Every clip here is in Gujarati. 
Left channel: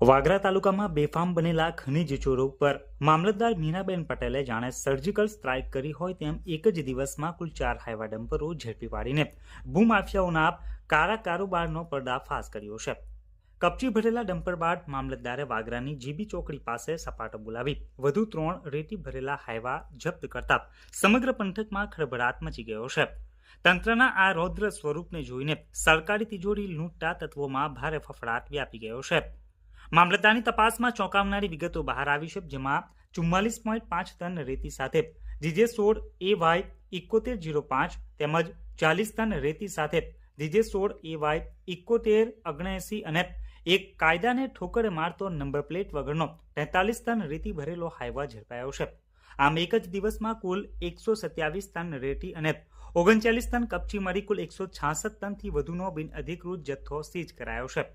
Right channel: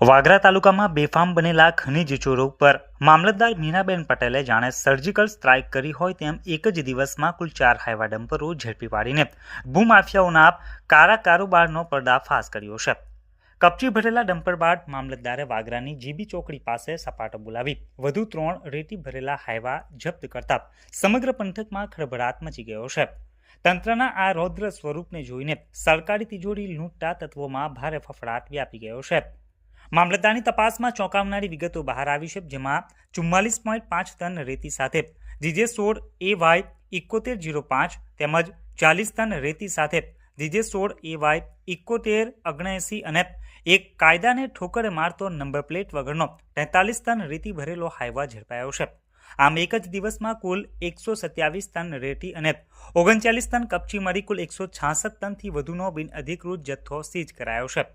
વાગરા તાલુકામાં બેફામ બનેલા ખનીજ ચોરો પર મામલતદાર મીનાબેન પટેલે જાણે સર્જિકલ સ્ટ્રાઇક કરી હોય તેમ એક જ દિવસમાં કુલ 4 હાઇવા ડમ્પરો ઝડપી પાડીને ભૂમાફિયાઓના કાળા કારોબારનો પર્દાફાશ કર્યો છે। કપચી ભરેલા ડમ્પર બાદ મામલતદારે વાગરાની જીબી ચોકડી પાસે સપાટો બોલાવી વધુ 3 રેતી ભરેલા હાઇવા જપ્ત કરતા સમગ્ર પંથકમાં ખળભળાટ મચી ગયો છે। તંત્રના આ રૌદ્ર સ્વરૂપને જોઈને સરકારી તિજોરી લૂંટતા તત્વોમાં ભારે ફફડાટ વ્યાપી ગયો છે। મામલતદારની તપાસમાં ચોંકાવનારી વિગતો બહાર આવી છે, જેમાં 44.5 ટન રેતી સાથે GJ16 AY 7105 તેમજ 40 ટન રેતી સાથે GJ16 AY 7179 અને એક કાયદાને ઠોકર મારતો નંબર પ્લેટ વગરનો 43 ટન રેતી ભરેલો હાઇવા ઝડપાયો છે। આમ એક જ દિવસમાં કુલ 127 ટન રેતી અને 39 ટન કપચી મળી કુલ 166 ટનથી વધુનો બિનઅધિકૃત જથ્થો સીઝ કરાયો છે।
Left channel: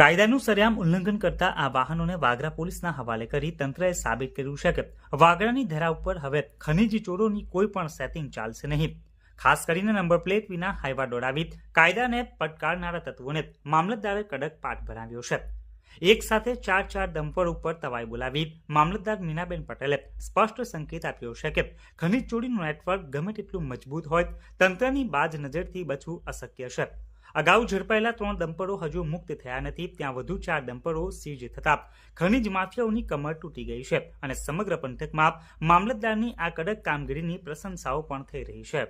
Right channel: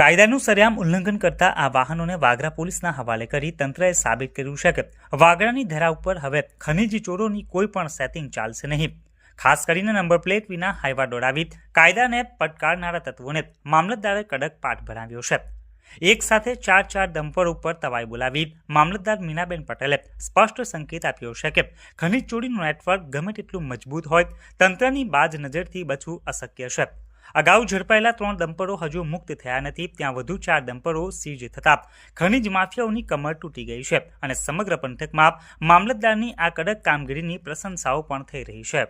કાયદાનું સરેઆમ ઉલ્લંઘન કરતા આ વાહનોને વાગરા પોલીસના હવાલે કરી તંત્રએ સાબિત કર્યું છે કે વાગરાની ધરા ઉપર હવે ખનીજ ચોરોની કોઈ પણ સેટિંગ ચાલશે નહીં। ખાસ કરીને નંબર પ્લેટ વિના હાઇવા દોડાવી કાયદાને પડકારનારા તત્વોને મામલતદારે કડક પાઠ ભણાવ્યો છે। એક સાથે 4 ડમ્પર ઉપર તવાઈ બોલાવી મામલતદાર મીનાબેન પટેલે સ્પષ્ટ સંકેત આપ્યો છે કે ખનીજ ચોરીનું નેટવર્ક ગમે તેટલું મજબૂત હોય તંત્રની બાજ નજરથી બચવું અશક્ય છે। અગાઉ ઝડપાયેલા 3 ડમ્પરો હજુ મુક્ત થયા નથી, ત્યાં વધુ 4 ડમ્પરો સીઝ થતા ખનીજ માફિયાઓની કમર તૂટી ગઈ છે અને સમગ્ર પંથકમાં મામલતદારની આ કડક કામગીરીની પ્રશંસાઓ પણ થઈ રહી છે।